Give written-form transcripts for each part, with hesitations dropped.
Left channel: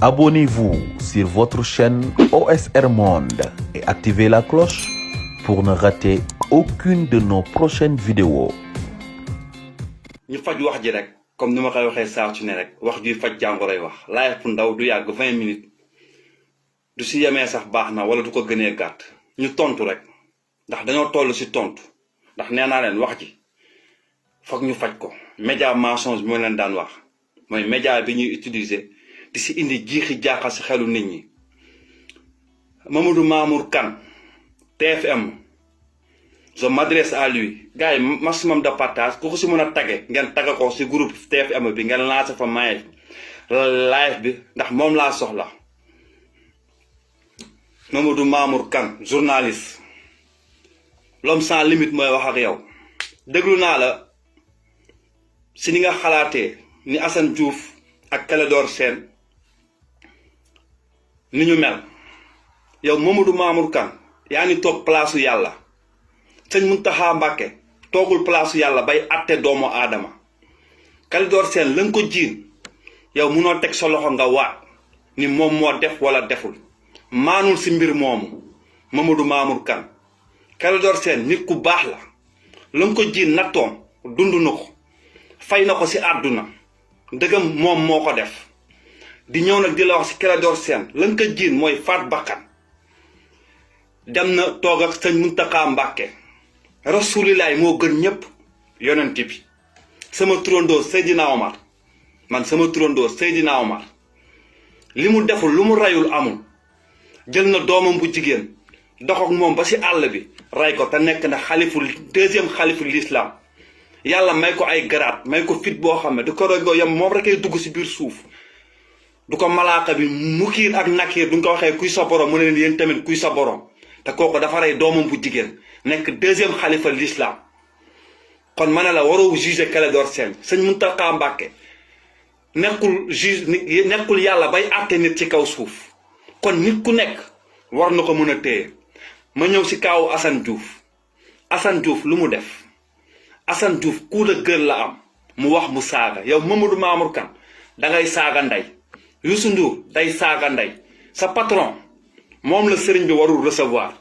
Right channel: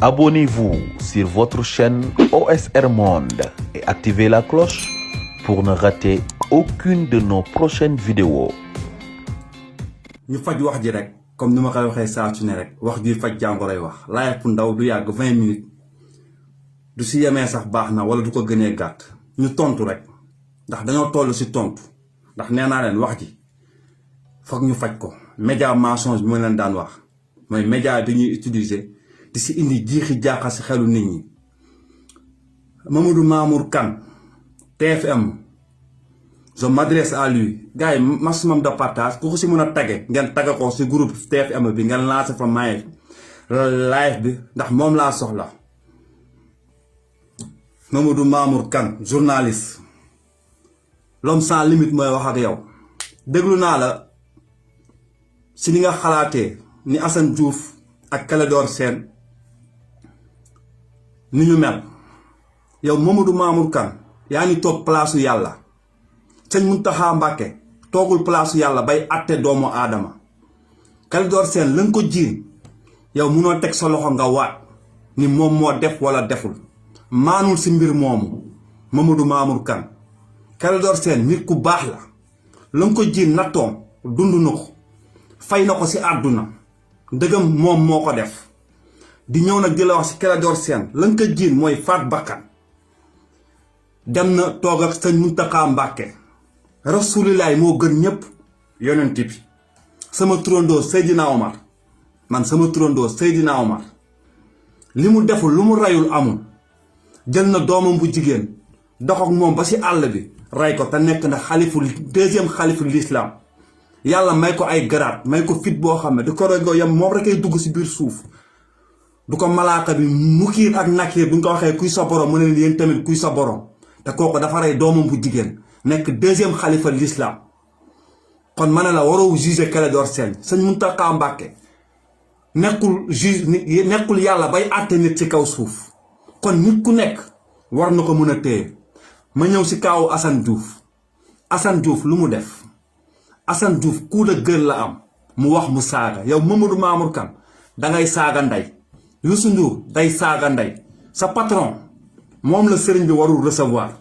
Abonnez-vous sur votre chaîne OSR Monde et activez la cloche pour ne rater aucune de nos prochaines vidéos. ñu faj wax ji rek comme ni ma koy waxee saa su ne rek wax juy faj jàngoroy wax live bu ndaw du yàgg 20 minutes du si yemee sax baax na wala du ko gënee gàtt ñu tontu rek ndax dañoo toll si tontu ndax nee naa leen wax ji foog ñu faj ko média mensonge bi ma leen daan wax mooy média bi ñuy utiliser di si indi jiixi jaaxa si xelu nit ñi. Mamadou Mamour Kane TFM je m'adresse à lui gars yi maximum de partage ku ko si mën a tagge ngeen tagga ko si groupe TFM bi ngeen lancé fa maye live bi ndax moom laa soxla. Mamadou Mamour Kane journaliste l'homme sans limite mooy wax ak yow déglu naa la si ni nga xalaatee ni Assane Diouf ak Clédor Sène ni ñu mel yow Mamadou Mamour Kane yaa ni toog palaasu yàlla sëñ Mountakha Mbacké toogul palaasu yàlla bay atte doomu aadama Clédor Sène la nga ko jiin yow munoo teg sa loxo nga waat ni moom moo def wala deful maanul si mbir moomu Mamadou Mamour Kane Clédor Sène nit ku baax la nga ko jiin nattoom dund na ko fay na ko si àdduna ndëgam moom moo ko def di ñëw nag di la wax si Clédor Sène la nga ko jiin mooy faat bakkan dem na toog ak sëñ Mountakha Mbacké rasulilaay moo gën ñëpp yonent bi sama turandoo Seydina Omar man sama turandoo Seydina Omar li mu deful lu mu rayul amul jël na doomam bu jigéen dox ak moom ba si àll bi ray ko te nekk na deuxième xalifu l'islam yàlla may ko ay garaat may ko fit boo xam ne du ko rogo yam moom rek ay dugg si biir suuf du ko malaaka bi mukiir ak nakiir du nga ko waxee kuy sa borom mu ne yéen tamit kuy sa borom te kooku dafa rey doomam bu jigéen nekk deuxième xalifa l'islam kon ma ne la waroo juger Clédor Sène sëñ Mountakha Mbacké nekkul yàlla bay àtte nit ci kaw suuf kon nit ku nekk war na ko mën a téye ma ñëw si kaawu Assane Diouf lu mu def Assane Diouf coup de gueule la am mu wax mu saaga yow Mamadou Mamour Kane dangay saaga ndey Youssou Ndour day saaga ndey sa patron moom la sëriñ bi warul recevoir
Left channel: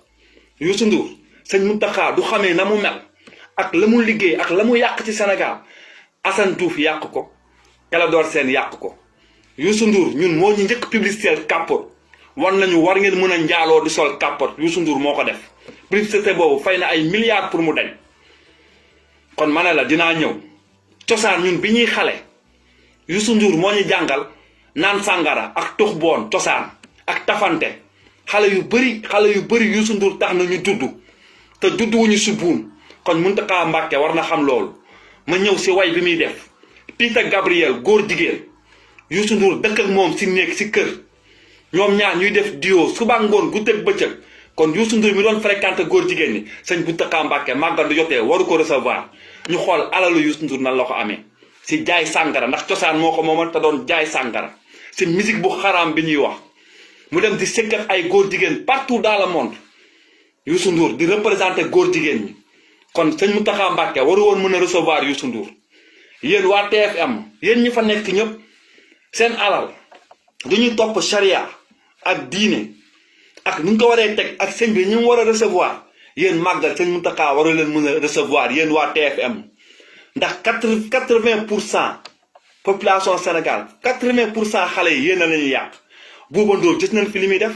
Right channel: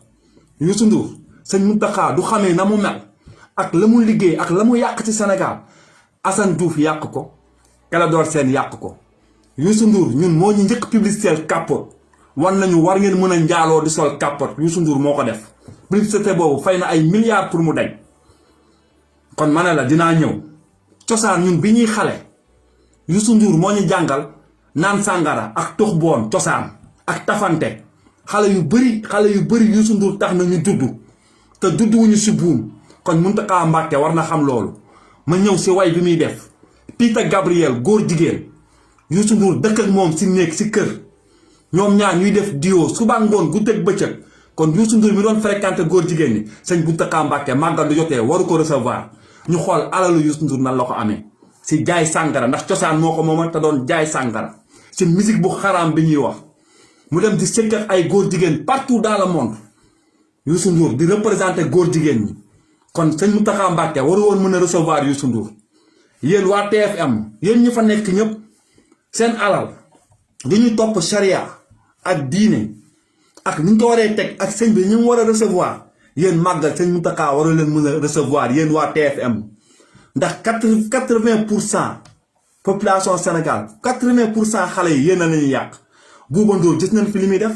Youssou Ndour sëñ Mountakha du xamee na mu mel ak la mu liggéey ak la mu yàq ci Sénégal Assane Diouf yàq ko Clédor Sène yàq ko Youssou Ndour ñun moo ñu njëkk publicité kàppoot wan nañu war ngeen mën a njaaloo di sol kàppoot Youssou Ndour moo ko def publicité boobu fay na ay milliards pour mu dañ kon ma ne la dinaa ñëw cosaan ñun bi ñuy xale Youssou Ndour moo ñu jàngal naan sàngara ak tux boon cosaan ak tafante xale yu bëri Youssou Ndour tax na ñu dudd te dudd wuñu si buum kon Mountakha Mbacké war na xam loolu ma ñëw si way bi muy def Peter Gabriel góor jigéen Youssou Ndour dëkk ak moom si néeg si kër ñoom ñaar ñuy def duo suba ngoon guddeeg bëccëg kon Youssou Ndour mi doon fréquenté góor jigéen ñi sëñ Mountakha Mbacké màggal du jotee waru ko recevoir ñu xool alalu Youssou Ndour nan la ko amee si jaay sàngara ndax cosaan moo ko moomal te doon jaay sàngara si musique bu xaraam bi ñuy wax mu dem di sëkk ak ay góor jigéen partout dans le monde Youssou Ndour di représenté góor jigéen ñi kon sëñ Mountakha Mbacké waru woon mën a recevoir Youssou Ndour yéen waa TFM yéen ñi fa nekk ñëpp seen alal du ñu topp charia ak diine ak ni ñu ko waree teg ak sëñ bi ñu war a recevoir yéen màggal sëñ Mountakha waru leen mën a recevoir yéen waa TFM ndax 80% population Sénégal 80% xale yi yéen a lañuy yàq Bouba Ndour gis nañ fi li muy def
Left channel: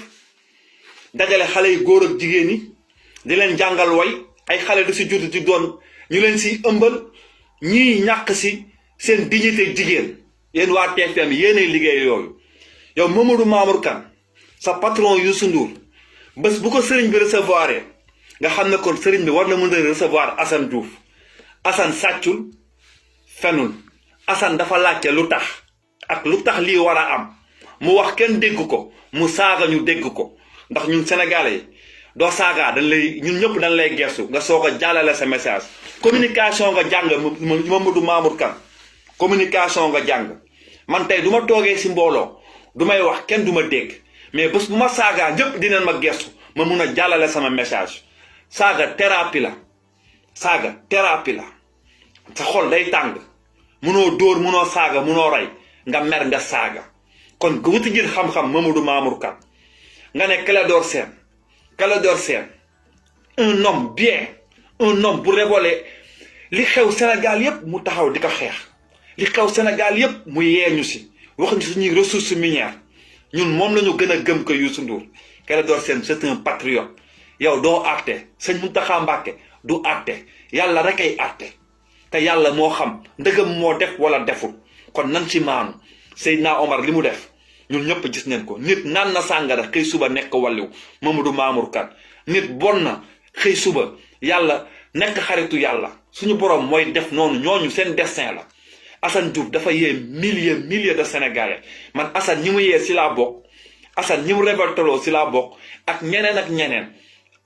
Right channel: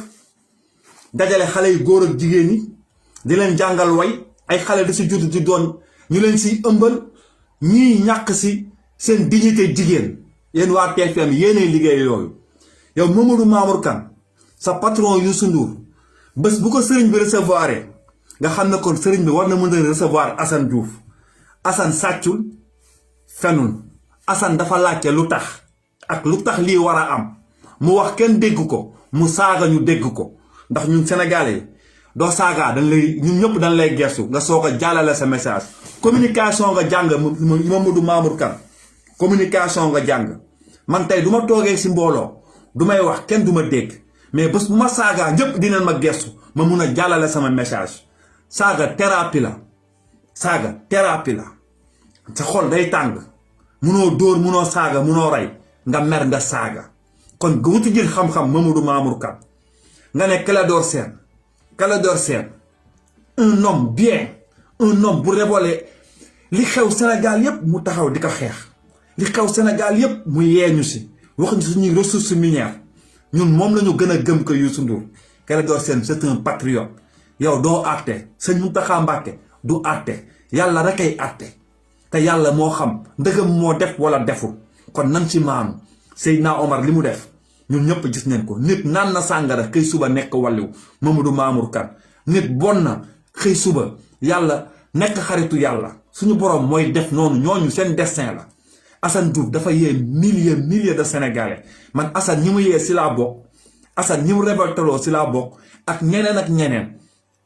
dajale xale yi góor ak jigéen ñi di leen jàngal way ay xale di si judd di doon ñu leen si ëmbal ñii ñàkk si seen dignité jigéen yéen waa TFM yéenay liggéey yooyu yow Mamadou Mamour Kane sa patron Youssou Ndour bés bu ko sëriñ bi recevoir nga xam ne kon sëriñ bi war na mën a recevoir Assane Diouf Assane sàccul fenul Assane dafa laajte lu tax ak lu tax lii war a am mu wax kenn dégg ko mu saaga ñu dégg ko ndax ñun Sénégalais yi doo saaga ñun ñëpp dañ lay gersu nga soog a jàllale sa message communication nga jàng Mamadou Mamour Kane communication nga jàng man tey du ma toogee si mbooloo du may wax kenn du ma dégg mais bés bu ma saagaa ñëpp dinañ ma gersu ma mun a jàllale sama message saaga thérapie la sa xol day tàng munoo dóor munoo saaga munoo rey nga mer nga saaga kon nga wuti jël xam-xam Mamadou Mamour Kane nga ne Clédor Sène un homme bien, un homme bu révolé li xew Sénégal yépp mu taxaw di ko xeex li xew Sénégal yépp mu yeeñu si wax ñu suñuy ressources minières ñun moom la ñu gën a gëm ko Youssou Ndour. Clédor Sène c'est un patriote yow doo àtte sëñ Mountakha Mbacké du àtte yàlla rek ay àtte te yàlla moo xam ndëgam moo def wala deful kon nan ci maanu Seydina Omar li mu def ñun ñëpp gis nañ ko. nit naan na sàngara xëy suba nekk wàlliw Mamadou Mamour Kane nit bon na xëy suba yàlla nekk xaritu yàlla suñu borom mooy def noonu ñooñu seen destin la. Assane Diouf dafa yee milliers de Sénégalais man Assane ñi mu yee si laa bokk Assane ñi mu révolteloo si laa bokk ak ñeneen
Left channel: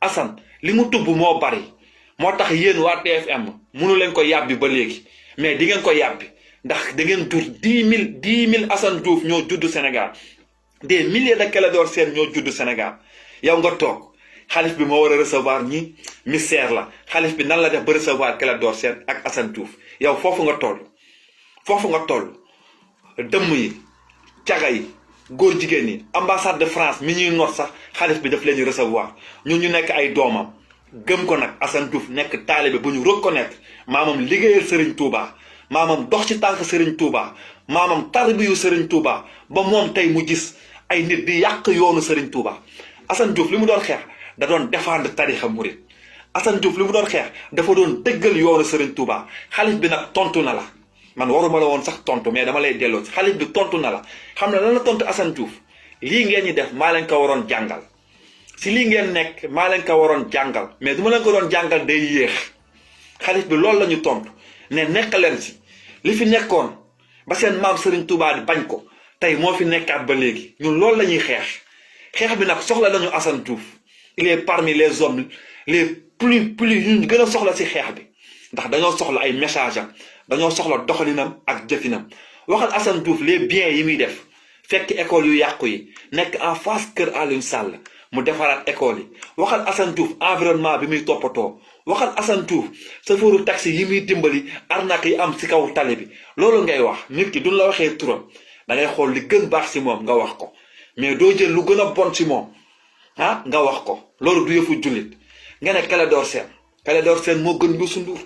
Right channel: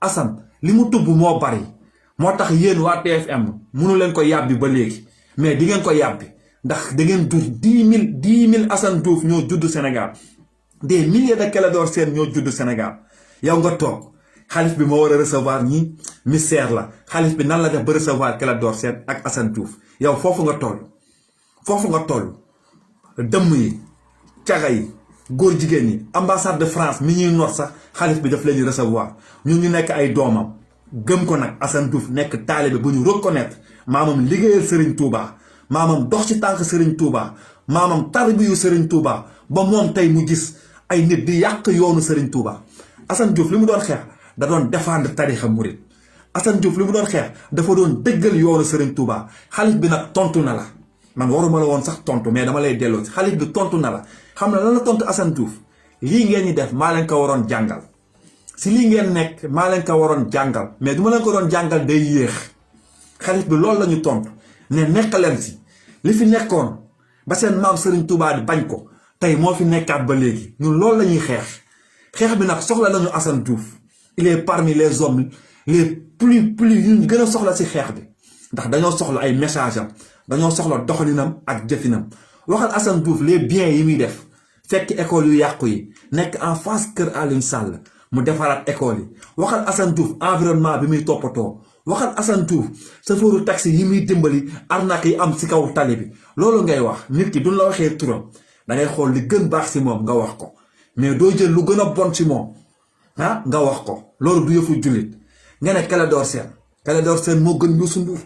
Assane li mu tubb moo bari moo tax yéen waa TFM mënu leen ko yàbbi ba léegi mais di ngeen ko yàbbi ndax da ngeen jur 10 000 Assane Diouf ñoo judd Sénégal des milliers de Clédor Sène ñoo judd Sénégal yow nga toog xalif bi moo war a recevoir ñi mystère la xalif bi nan la def ba recevoir Clédor Sène ak Assane Diouf yow foofu nga toll dëmm yi caga yi góor jigéen ñi ambassade de France mi ñuy noot sax xalif bi daf leen ñu recevoir ñu nekk ay doomam gëm ko nag Assane Diouf nekk taalibe bu ñu reconnaître maamam liggéeyal Serigne Touba maamam dox ci tànk Serigne Touba maamam tarbiyu Serigne Touba ba moom tey mu gis ay nit di yàq yoonu Serigne Touba. Assane Diouf li mu doon xeex da doon défendre tarixa murid Assane Diouf li mu doon xeex dafa doon dëggal yoonu Serigne Touba xalif bi nag tontu na la. man waruma la woon sax tontu mais dama lay delloo xalif bi tontu na la xam na lan la tontu Assane Diouf lii ngeen ñi def maa leen ko waroon jàngal si lii ngeen nekk maa leen ko waroon jàngal mais du ma leen ko doon jàngal day yéex xalif bi loolu la ñu tontu ne nekk leen si li fi nekkoon ba seen maam Serigne Touba di bañ ko tey moo fi nekkaat ba léegi ñun loolu la ñuy xeex bi nag soxla nañu Assane Diouf il est parmi les hommes les plus ñu gën a soxla si xeex bi ndax dañoo soxla ay message am dañoo soxla doxalinam ak jëfinam waxal Assane Diouf les biens yi muy def fekk école yu yàqu yi nekk en face kër Alioune Sall mu defaraat école yi waxal Assane Diouf environnement bi muy toppatoo waxal Assane Diouf chauffeuru taxi yi muy dimbali arnaque yi am si kaw tali bi loolu ngay wax nit ki duñ la waxee turam dangay xool li gën baax si moom nga wax ko mais doo jël lu gën a bon si moom nga wax ko loolu du yëfu jullit nga ne Clédor Sène moo gën Youssou Ndour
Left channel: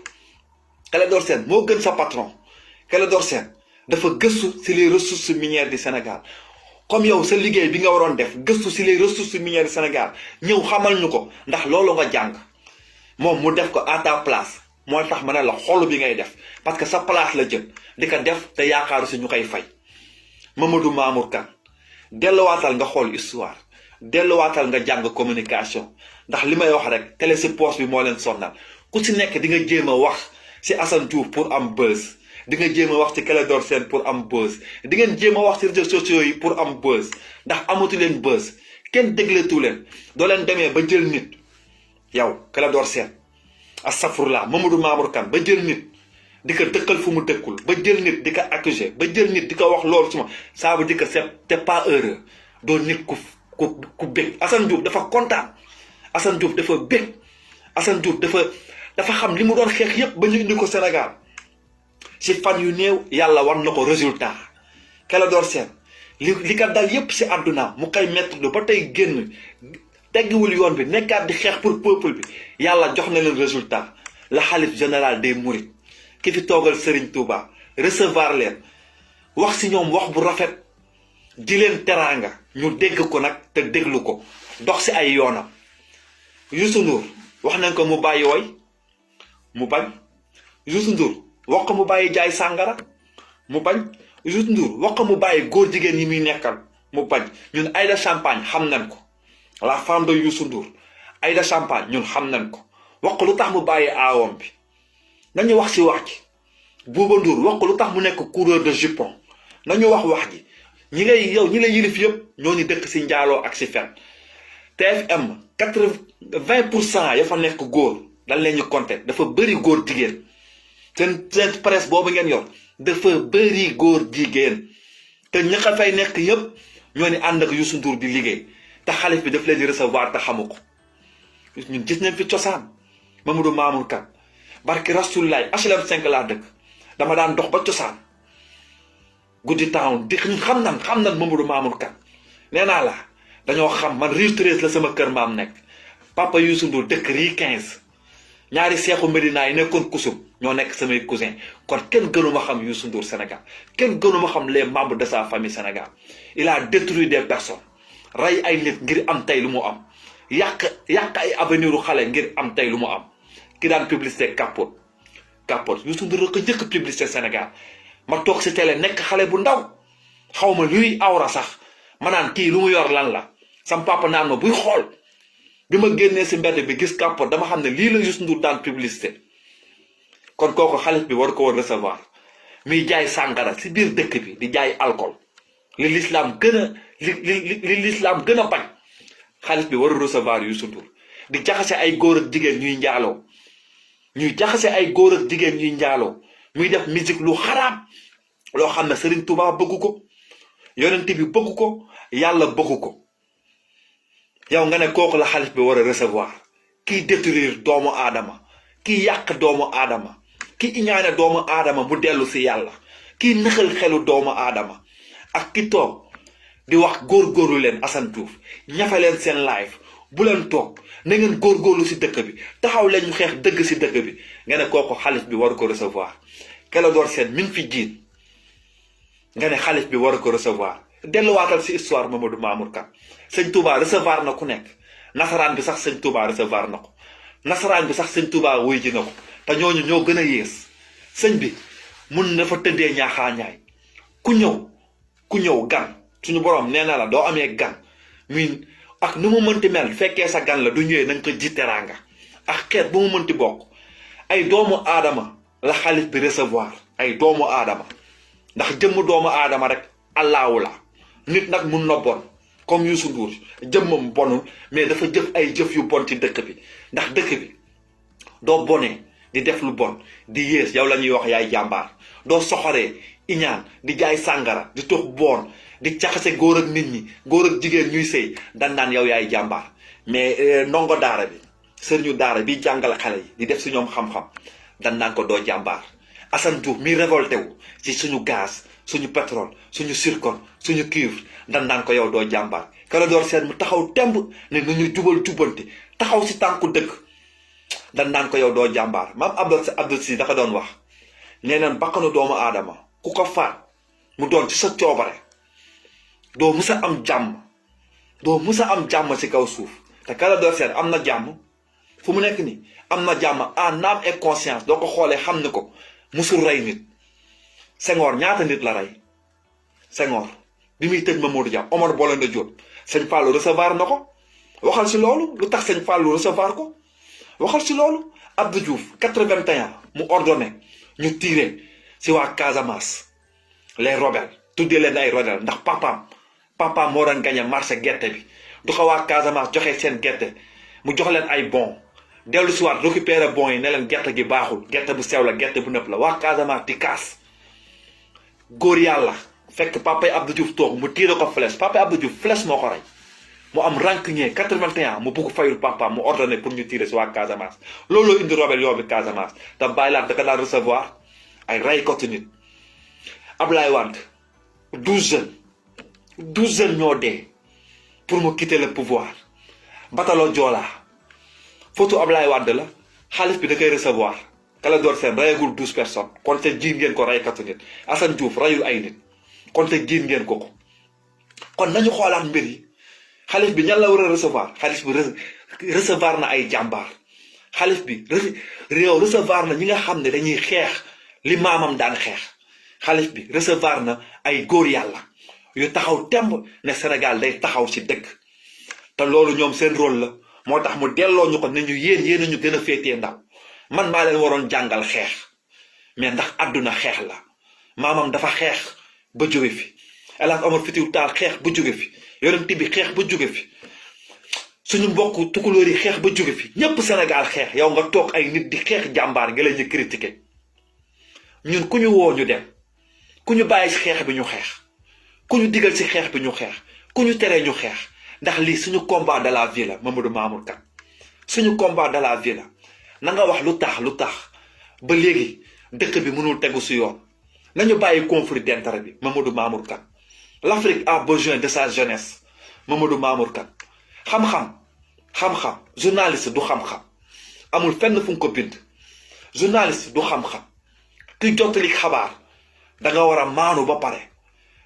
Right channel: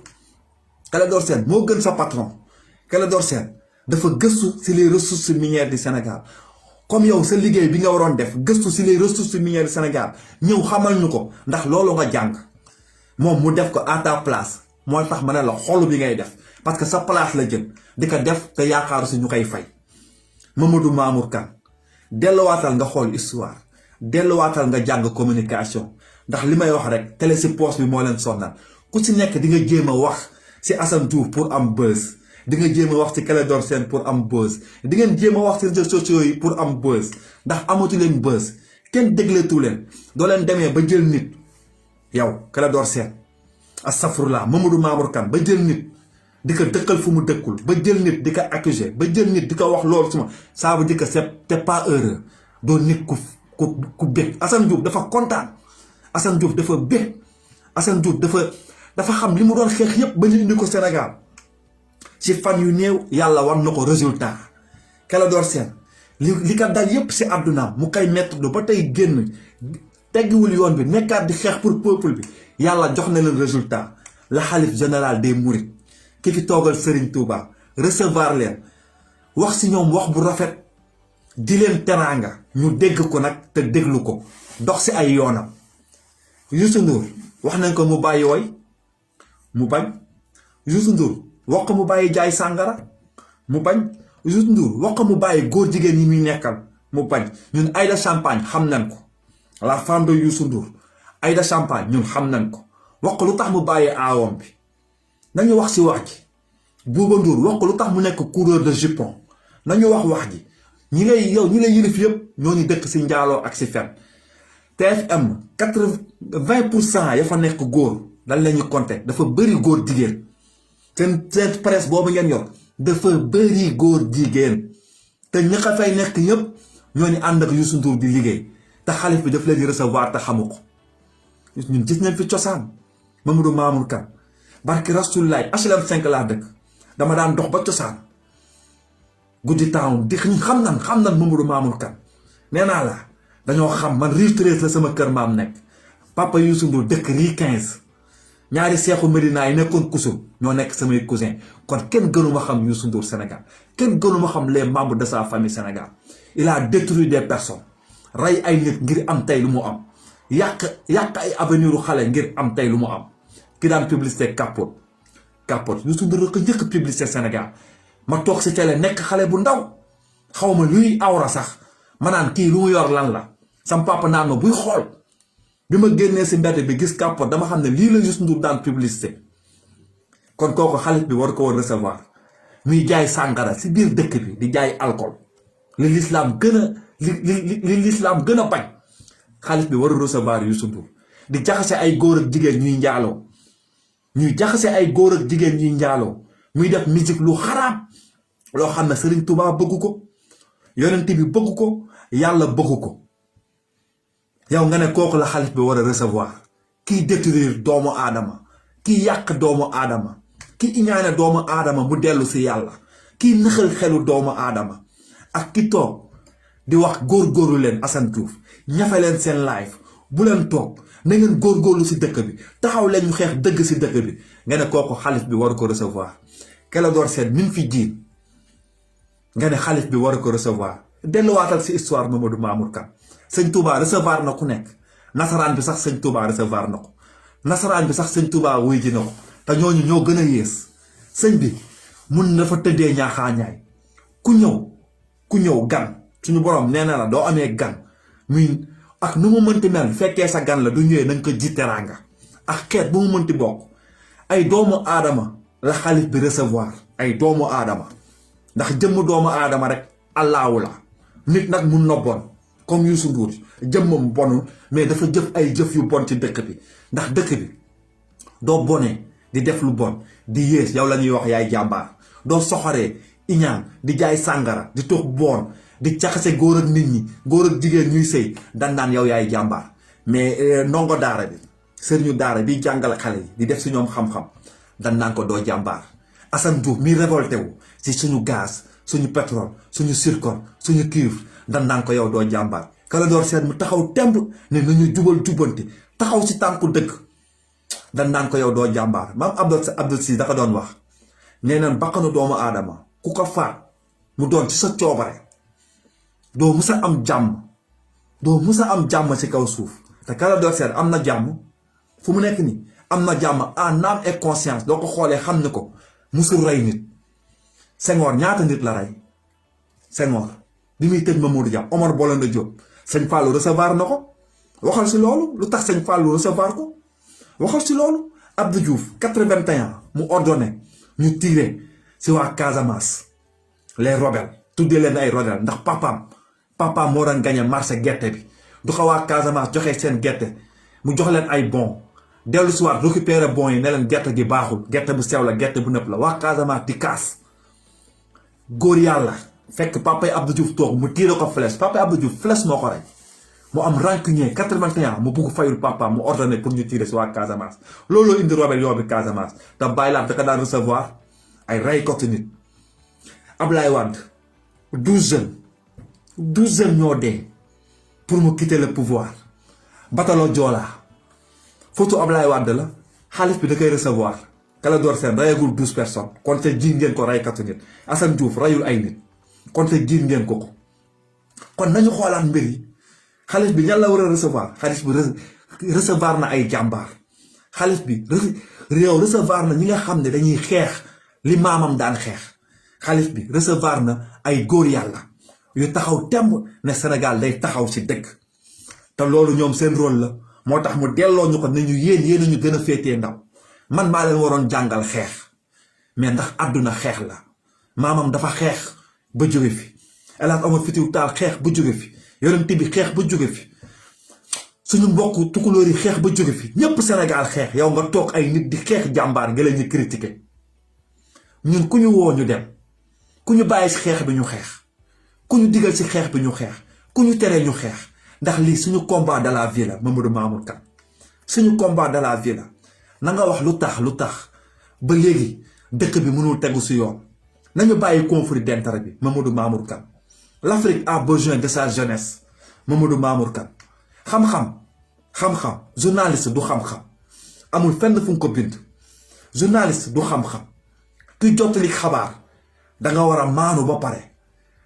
Clédor Sène moo gën sa patron Clédor Sène dafa gëstu si les ressources minières du Sénégal comme yow sa liggéey bi nga waroon def gëstu si les ressources minières du Sénégal ñëw xamal ñu ko ndax loolu nga jàng moom mu def ko à ta place mooy tax ma ne la xolu bi ngay def parce que sa place la jël di ko def te yaakaaru si ñu koy fay. Mamadou Mamour Kane delluwaatal nga xool histoire delluwaatal nga jàng communication ndax li may wax rek télé si poche bi moo leen sonnal ku si nekk di nga jéem a wax si Assane Diouf pour am buzz di nga jéem a wax ci Clédor Sène pour am buzz di ngeen jéem a wax ci réseaux sociaux yi pour am buzz ndax amatu leen buzz kenn dégleetu leen doo leen demee ba jël nit yow Clédor Sène astafurlah Mamadou Mamour Kane ba jël nit di ko dëkkal fu mu dëkkul ba jël nit di ko accuser ba jël nit di ko wax loolu suma ça veut dire que c'est pas heureux doo nit ku bég Assane Diouf dafa kontaan Assane Diouf dafa bég Assane Diouf dafa xam li mu doon xeex yépp ba ñu indi ko Sénégal ci fan yu néew yàlla war na ko résultat Clédor Sène li ko dal yépp ci àdduna mu koy mettre ba tey génn teggiwul yoon bi nekkaat di xeex pour peuple bi yàlla jox na leen résultat la xalif général des mourides ki fi toogal Serigne Touba recevoir leen wax ci ñoom wax bu rafet di leen teraanga ñu dégg ko nag te déglu ko dox ci ay yoonam Youssou Ndour wax nañ ko mu bàyyi woy mu bañ Youssou Ndour wax ko mu bàyyi jaay sàngara mu bañ Youssou Ndour wax ko mu bàyyi góor jigéen yi muy nekkal mu bañ ñun Aïda Champagne xam nañ ko la femme de Youssou Ndour Aïda Champagne ñun xam nañ ko wax ko lu tax mu bàyyi aawam bi nañu wax ci wax ji Bouba Ndour wax ko lu tax mu nekk coureur de jupon nañu wax ji ñi lay yilif yëpp ñoo ñu dëkk ci njaaloo ak ci fen TFM 20% ya fa nekk góor dañ leen ñu compter dafa bëri góor jigéen seen presse boobu ngeen yor dafa bëri góor jigéen te ña ka fay nekk yëpp ñoo ni ànd ak Youssou Ndour di liggéey te xalif bi daf leen di recevoir te xamu ko ñun gis nañ fi cosaan Mamadou Mamour Kane barki Rasulullah HLM 5 laa dëkk dama daan dox ba cosaan guddi town di ñun xam nan Mamadou Mamour Kane nee naa la dañoo xam man Rue 13 la sama kër maam nekk papa Youssou Ndour dëkk Rue 15 ñaari seexu Medina yi nekkoon kusum ñoo nekk samay cousin kon kenn gënuma xam Youssou Ndour Sénégal kenn gënuma xam les membres de sa famille Sénégal il a détruit des personnes rey ay nit ngir am tey lu mu am yàq ay avenir u xale ngir am tey lu mu am ki daan publicité capote Youssou Ndour la ko njëkk publicité Sénégal ma toog si télé nekk xale bu ndaw xaw ma luy awra sax ma naan kii lu mu yor lan la sam papa naan ma buy xool bi ma génnee si mbedd bi gis capote dama xam ne lii la Youssou Ndour daan publicité kon kooku xalif bi war ko war recevoir muy jaay sàngara si biir dëkk bi di jaay alcool li l'islam gën a bañ xalif bi war a recevoir Youssou Ndour di jaxase ay góor ak jigéen ñuy njaaloo muy def musique lu xaraam loo xam ne Serigne Touba bëgg ko yonent bi bëgg ko yàlla bëgg ko yow nga ne kooku la xalif bi war a recevoir kiy détruire doomu aadama kiy yàq doomu aadama ki iñaane doomu aadama mu dellu si yàlla kiy nëxal xelu doomu aadama ak ki toog di wax góorgóorlu leen Assane Diouf ñafe leen seen live bu leen toog na ngeen góorgóorlu si dëkk bi taxaw leen ñu xeex dëgg si dëkk bi nga ne kooku xalif bi war ko recevoir Clédor Sène mi ngi fi jiin nga ne xalif bi war ko recevoir delluwaatal si histoire Mamadou Mamour Kane sëñ Touba recevoir na ku nekk nasaraan bi sax sëñ Touba recevoir na ko nasaraan bi sax sëñ Touba wuy ji na ko te ñooñu ñoo gën a yées sëñ bi mun na fa tëddee ñaaxaañaay ku ñëw gan suñu borom nee na la doo amee gan muy ak nu mu mënti mel fekkee sa gan la du ñëwee na nga ko ji teraanga ak xeet bu mu mënti bokk ay doomu aadama la xalif bi recevoir ay doomu aadama ndax jëmm doomu aadama rek allahu la nit nag mun na bon comme Youssou Ndour jëmmam bonul mais dafa jëf ay jëf yu bon ci dëkk bi ndax dëkk bi doo bonee di def lu bon di yées yow la ñuy wax yaay jàmbaar doo soxoree iñaan di jaay sàngara di tox bon di caxase góor ak nit ñi góor ak jigéen ñuy sëy dan naan yow yaay jàmbaar mais ndongo daara bi sëriñu daara bi jàngal xale yi di def si ñoom xam-xam dan naan ko doo jàmbaar Assane Diouf mi révolté wu ci suñu gaz suñu pétrole suñu zircon suñu cuivre dan naan ko yow doo jàmbaar Clédor Sène mu taxaw temb ne nañu jubanti taxaw si tànku dëkk dan naan ko yow doo jàmbaar maam Abdou Si dafa doon wax nee naan bakkanu doomu aadama ku ko faat mu doon ci sa coobare doo musa am jàmm ci kaw suuf te Clédor Sène am na jàmm fu mu nekk nii am na jàmm en âme et conscience doo ko xoolee xam ni ko musul rey nit Senghor ñaata nit la rey Senghor bi muy tëj Mamadou Dia Omar Blondin Diop sëñ Fallou recevoir na ko waxal si loolu lu tax sëñ Fallou recevoir ko waxal si loolu Abdou Diouf 81 mu ordonné ñu tiré si waa Casamance les rebelles tuddee leen ay rebelles ndax papaam moo doon gagné marché gerte bi du ko waa Casamance joxe seen gerte mu jox leen ay bon dellu si waat récupérer bon yi ne leen gerte gi baaxul gerte bu sew la gerte bu nëpp la waa Casamance di kaas góor yàlla fekk papay Abdou Diouf toog mu tiire ko flèche papay Abdou Diouf flèche moo ko rey mu am rancunier 81 mu bugg fayul papa mu ordonné pour ñu tiire si waa Casamance looloo indi rebelle yoo bi Casamance te bàyyi laat da ko daan recevoir ay rey ko ci nit Ablaye Wade 12 jeunes ñoo dee pour mu quitter le pouvoir batalo Joola photo Ablaye Wade la xalif bi da koy recevoir Clédor Sène rayagul 12 personnes kon te jiin ngeen ko raykatu nit Assane Diouf rayul ay nit kon te jiin ngeen ko kon nañu xoolaat mbir yi xalif bi ñan la war a recevoir xalif bi recevoir na ay jàmbaar xalif bi recevoir na ñi nga xam ne dañuy xeex li maamam daan xeex xalif bi recevoir na ay góor yàlla yu taxaw temb ne Sénégal day taxaw ci dëgg te loolu ñoom seen rôle la moo tax mu delloo ñu ko ne ñu yéen a ñu gën a féetee ndaw man maa leen waroon jàngal xeex mais ndax àdduna xeex la maamam dafa xeex ba jóge fi El Hadj Omar Foutiyou Tall xeex ba jóge fi yonent bi xeex ba jóge fi suñu mbokk tukulóor yi xeex ba jóge fi ñépp Sénégal xeex yow nga toog ay nit di xeex jàmbaar nga leen ñu critiquer ñun ku ñu woo ñu dem ku ñu bàyyi si xeex bi ñu xeex ku ñu digal si xeex bi ñu xeex ku ñu tere ñu xeex ndax lii suñu combat de la vie la Mamadou Mamour Kane suñu combat de la vie la na nga wax lu tax ba léegi dëkk bi mënul tegu si yoon nañu bàyyi conflit d'intérêt bi Mamadou Mamour Kane. L'Afrique a besoin de sa jeunesse Mamadou Mamour Kane. xam-xam journaliste du xam-xam amul fenn fu nga ko bind. journaliste du xam-xam ki jottali xabaar da nga war a maanu ba pare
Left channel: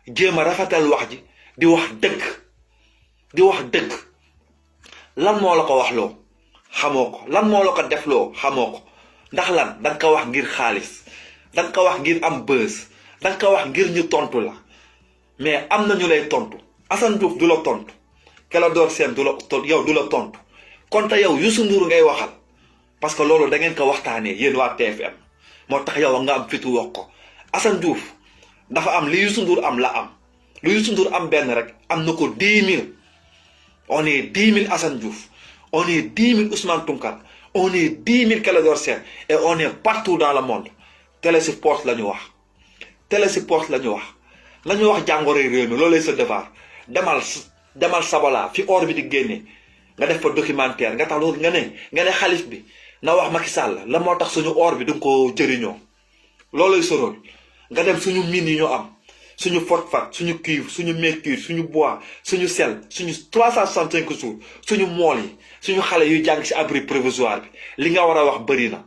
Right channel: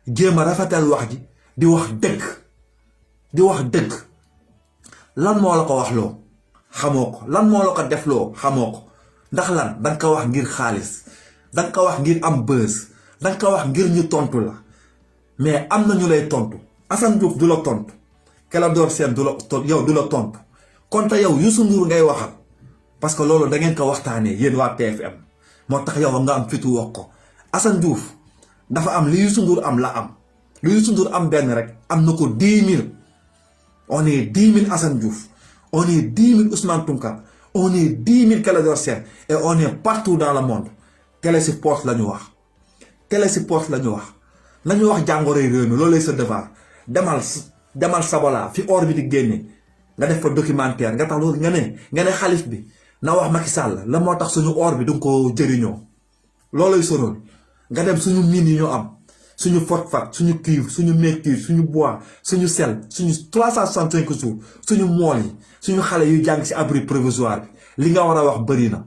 jéem a rafetal wax ji di wax dëgg lan moo la ko wax loo xamoo ko lan moo la ko def loo xamoo ko ndax lan danga ko wax ngir xaalis danga ko wax ngir am buzz danga ko wax ngir ñu tontu la mais am na ñu lay tontu Assane Diouf du la tontu Clédor Sène du la tontu yow du la tontu kon te yow Youssou Ndour ngay waxal parce que loolu da ngeen ko waxtaanee yéen waa TFM moo tax yow nga am fitu wax ko Assane Diouf dafa am li Youssou Ndour am la am lu Youssou Ndour am benn rek am na ko 10 000 on est 10 000 Assane Diouf on est 10 000 Ousmane Tounkara on est 10 000 Clédor Sène et on est partout dans le monde Télésuport la ñu wax Télésuport la ñu wax jàngoroy réew mi loolu lay sa devoir demal Sabola fi or bi di génne nga def fa documentaire nga tax loolu nga ne xalif bi na wax Macky Sall la moo tax suñu or bi du nga ko jëriñoo loolay sonal nga dem suñu mine yi ñu am suñu phosphate suñu cuivre suñu mercure suñu bois suñu sel suñu 365 jours suñu mool yi suñu xale yu jàng ci abri provisoire bi li nga war a wax bëri na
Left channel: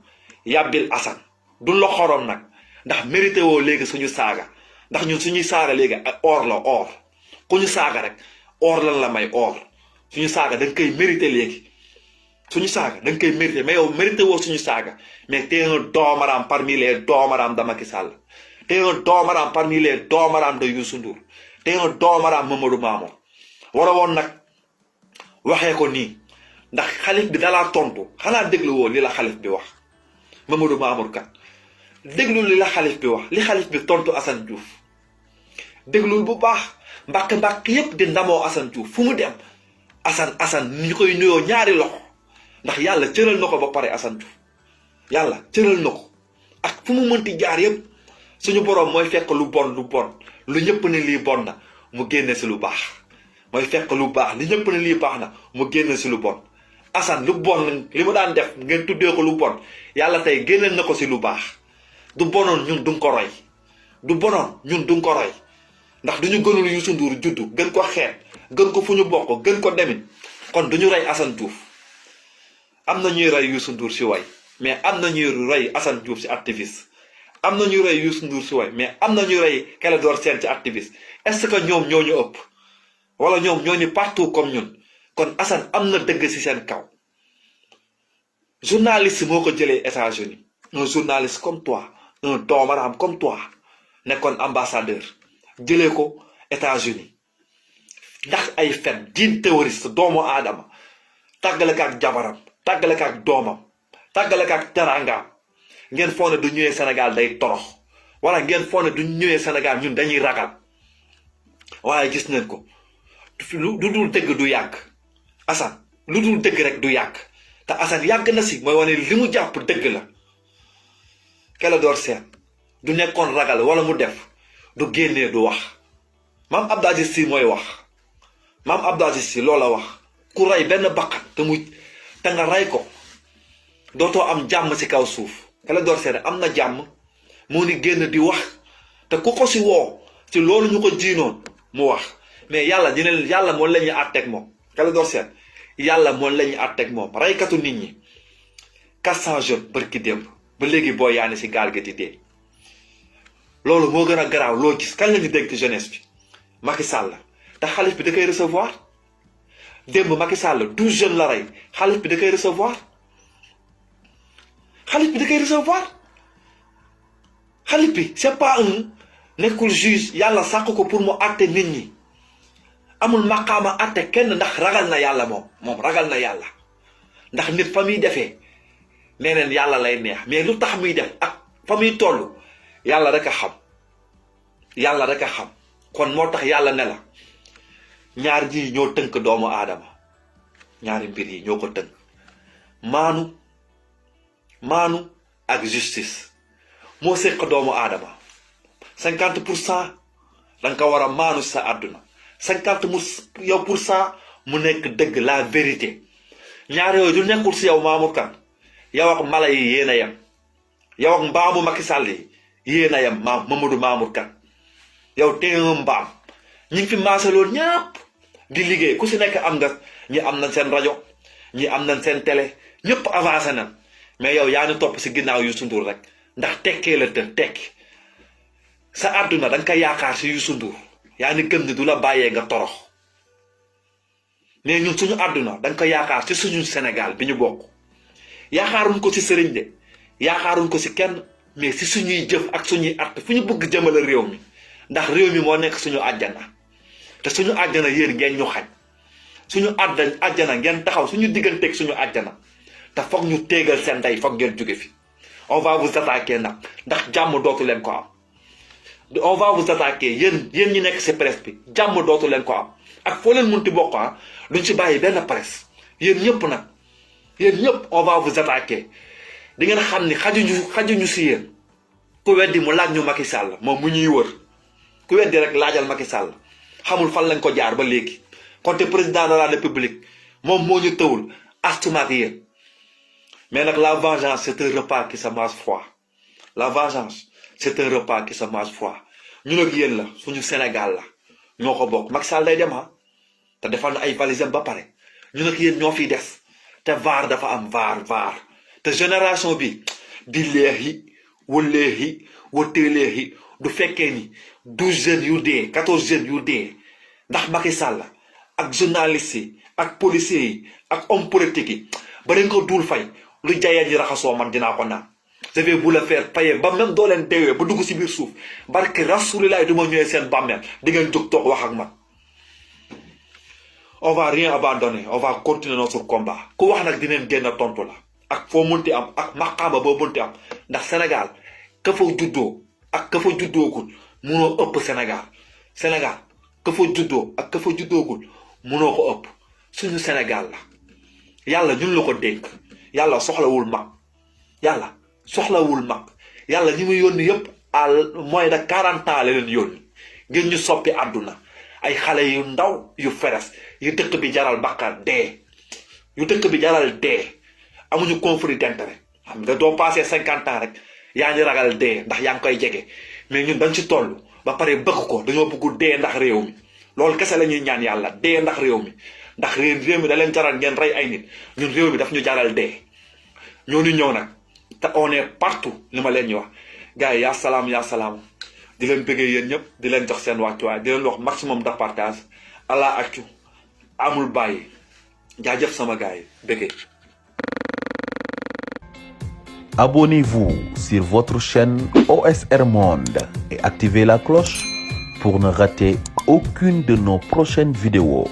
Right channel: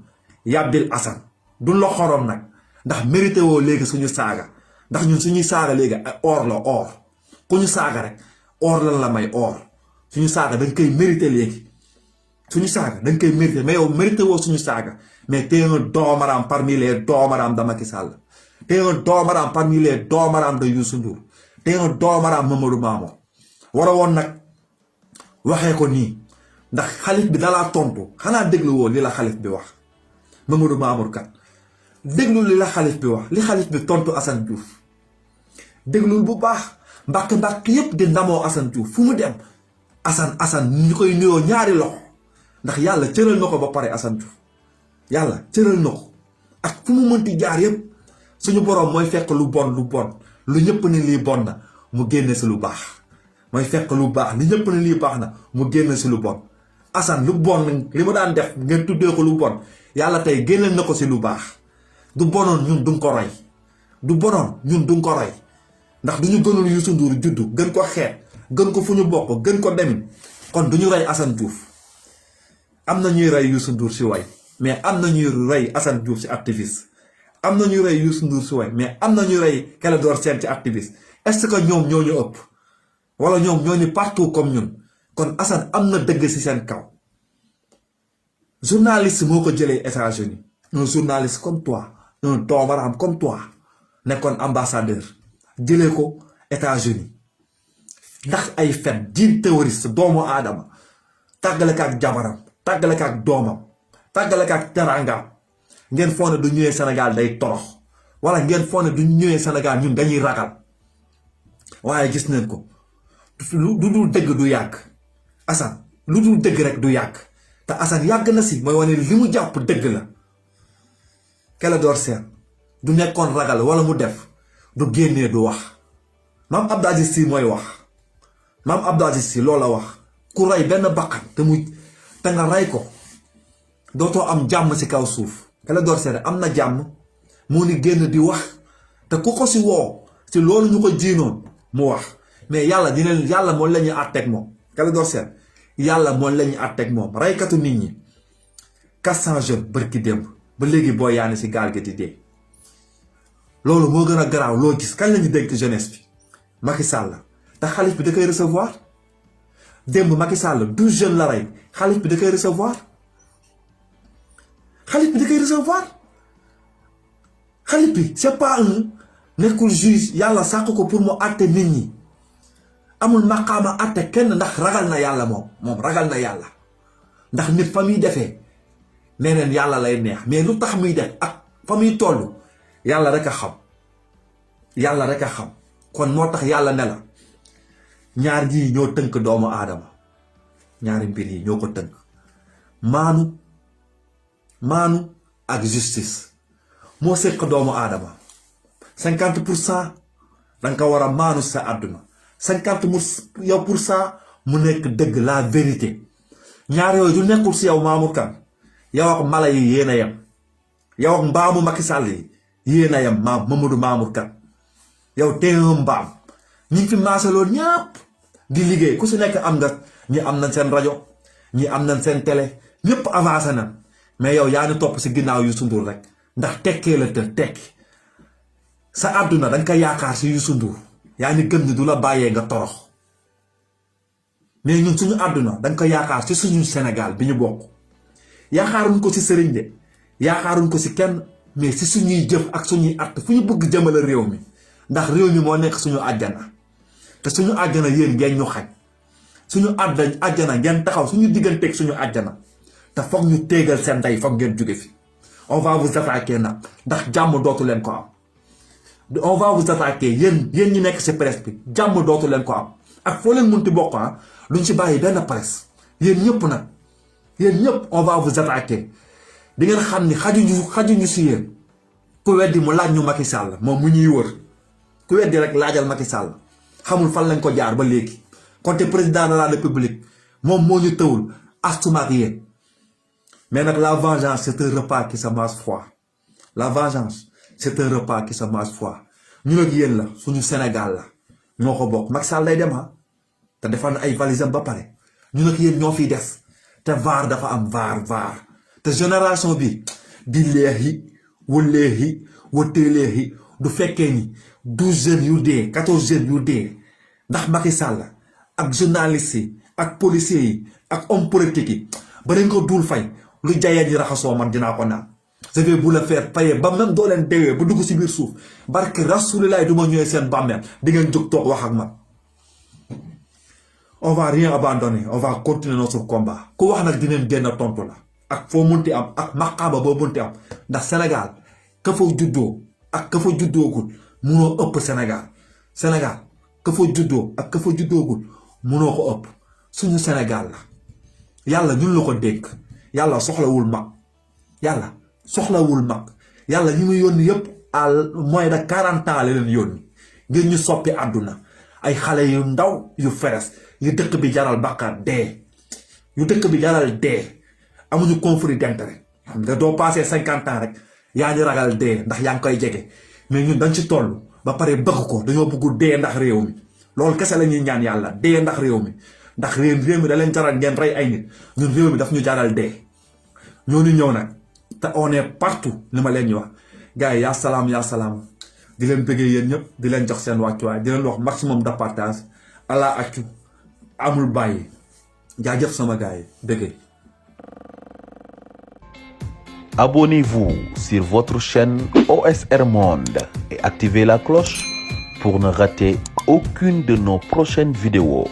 yàbbil Assane du la xorom nag ndax mérité woo léegi suñu saaga ndax ñun suñuy saaga léegi ay or la or ku ñu saaga rek or lan la may or suñu saaga da nga koy mérité léegi suñu saaga da nga koy mérité mais yow mérité woo suñu saaga mais t'es un doomaraam parmi les doomaraam de Macky Sall t'es un doomaraam parmi les doomaraam de Youssou Ndour t'es un doomaraam Mamadou Mamour war a woon nag waxee ko nii ndax xalif bi dalaa tontu xanaa déglu woo li la xalif bi wax Mamadou Mamour Kane déglu li la xalif bi wax li xalif bi tontu Assane Diouf déglul bu baax mbàkk yépp di ndamoo Assane Diouf fu mu dem Assane ñu koy nuyoo ñaari loxo ndax yàlla cëral na ko ba pare Assane Diouf yàlla cëral na ko ak fu mu mënti jaar yépp suñu boroom mooy fekk lu bon lu ñëpp ne lii bon na mu génne si lu baax mooy fekk lu baax li ñëpp ne lii baax na mu génne si lu bon Assane lu bon li mu daan def ngeen tuddee ko lu bon yàlla tey génneel na ko si lu baax du bonoon ñun duñ ko roy ndax duñu gënul Youssou Ndour juddu gën ko xeet gën ko fu ñu bokk gën ko demin kon duñu rey Assane Diouf am na ñuy rey Youssou Ndour si way mais am na ñuy rey Assane Diouf si activiste am na ñuy rey Youssou Ndour si way mais am na ñuy rey Clédor Sène ci activiste est-ce que ñoom ñoo ñu ëpp wala ñoom ñoo ñu partout comme ñun kon Assane am na dëgg si seen kaw journaliste moo ko jëlee États-Unis un journaliste comme toi un doomaraam comme toi nekkoon ambassadeur jëlee ko États-Unis ndax ay fen diin terroriste doomu aadama tàggale ko ak jabaram tàggale ko ak doomam tàggale ko ak teraangaam ngeen foog ne du ñëwee Sénégal day torox wala ngeen foog ne du ñëwee Sénégal ñun dañuy ragal waaye gis neen ko lu dul dëgg du yàgg Assane lu dul dëgg rek du yàgg te Assane yàgg na si mooy wane li mu jàpp dëgg la Clédor Sène du nekkoon ragal wala mu def du génnee du wax maam Abdou Aziz Sy mooy wax maam Abdou Aziz Sy loola wax ku rey benn bakkan te nga rey ko dootoo am jàmm si kaw suuf Clédor Sène am na jàmm moo ni génn di wax te ku ko si woo si loolu ñu ko jiinoon mu wax mais yàlla moom la ñuy àtteeg moom Clédor Sène yàlla moom la ñuy àtteeg moom reykatu nit ñi 400 jeunes bërki démb ba léegi boo yaani si gaal gi di dee loolu moo gën a garaaw loo gis kan la ñu dégg ci jeunesse bi Macky Sall te xalif bi da koy recevoir démb Macky Sall 12 jeunes la rey xalif bi da koy recevoir xalif bi c'est pas nekkul juge yàlla sàq ko pour mu àtte nit ñi amul maqaama àtte kenn ndax ragal na yàlla moom ragal na yàlla ndax nit fa muy defee neneen yàlla lay neex mais lu tax muy def ak fa muy toll yàlla rek a xam kon moo tax yàlla ne la ñaar ñii ñoo tënk doomu aadama ñaari mbir yi ñoo ko tënk maanu ak justice moo séq doomu aadama 50% danga ko war a maanu sa àdduna 50% mu nekk dëgg la vérité ñaar yooyu du nekkul si yow Mamour Kane yow ak mala yi yéen a yem yow ak mbaamu Macky Sall yi yéen a yam Mamadou Mamour Kane yow tey mbaam ñi ngi fi maasaloon ñëpp di liggéey ku si nekk am nga ñi am nañ seen rajo ñi am nañ seen télé ñëpp avancé nañ mais yow yaa ni topp si ginnaaw Youssou Ndour rek ndax tekkee la te tekki sa àdduna da nga koy yaakaar si Youssou Ndour yaa ni gëm ni du la bàyyee nga torox mais ñun suñu àdduna da nga koy yaakaar si suñu Sénégal bi ñu bokk yaakaaruñ ko si sëriñ de yaakaaruñ ko si kenn mais si suñuy jëf ak suñuy att fu ñu bëgg jëmale réew mi ndax réew mi moo nekk suñu àjjana te suñu àjjana yéen ngeen ñu xaj suñu àjjana ngeen taxaw suñu digganteeg suñu àjjana te foog ñu téegal seen ndey foog ngeen jóge fi on va vous attaquer nag ndax jàmm dootu leen ko am on va vous attaquer yéen ñi nekk si presse bi jàmm dootu leen ko am ak foo leen munti bokk duñ si bàyyi benn presse yéen ñëpp nag yéen ñëpp on va vous attaquer di ngeen xam ni xajuñu si yéen ku weddi mu laaj ñu Macky Sall moom mu ñuy wër ku weddi rek laajal Macky Sall xamul fan lañ ko jaar ba léegi kon te président de la république moom moo ñu tëwul astumaak yéen mais nag la vengeance c'est un repas qui se mange froid la vengeance c'est un repas qui se mange froid ñun ak yéen la suñu Sénégal la ñoo ko bokk Macky Sall day dem te defal na ay valisam ba pare ñun ak yéen ñoo fiy des te vaar dafa am vaar te génération bi billahi wallahi wateelehi du fekkee ni 12 jeunes yu dee 14 jeunes yu dee ndax Macky Sall ak journalistes yi ak policiers yi ak homme politique yi ba dañ ko duul fay lu jaayeen yi raxasoo man dinaa ko naan je vais vous le faire payer ba même doo leen deewee ba dugg si biir suuf barke Rasulillah du ma ñëwee seen bàmmeel di ngeen jóg toog wax ak man on va rien abandonner on va continuer notre combat ku wax nag dineen génn tontu la ak foo munti am ak maqaama boo munti am ndax Sénégal ka fa juddoo ak ka fa juddoogul munoo ëpp Sénégal ka fa juddoo ak ka fa juddoogul munoo ko ëpp suñu Sénégal la yàlla ñun la ko dénk yàlla soxlawul mag yàlla ñi muy yónni yëpp à moins de 40 ans la leen yónni ngeen ñu soppi àdduna ay xale yu ndaw yu feres yu dëkk bi jaral bakkaar dee amuñu conflit d'intérêt xam nga doo passé 50 ans rek yaa ngi ragal dee ndax yaa ngi koy jege mais ñun dañ ci toll ba pare bëgg ko dañoo bëgg dee ndax réew mi loolu kese la ñuy ñaan yàlla dee ndax réew mi ndax réew mi da leen jaral ngeen rey ay nit ñun réew mi daf ñu jaral dee ñooñu ñëw nag te on est partout li ma leen ñu wax gars yi yaa salaam di leen bëggee yéen ñëpp di leen jox seen wàccuwaay di leen wax maximum de partage ala accu amul bàyyi jaajëf sama gars yi bëggee. Abonnez-vous sur votre chaîne OSR Monde et activez la cloche pour ne rater aucune de nos prochaines vidéos.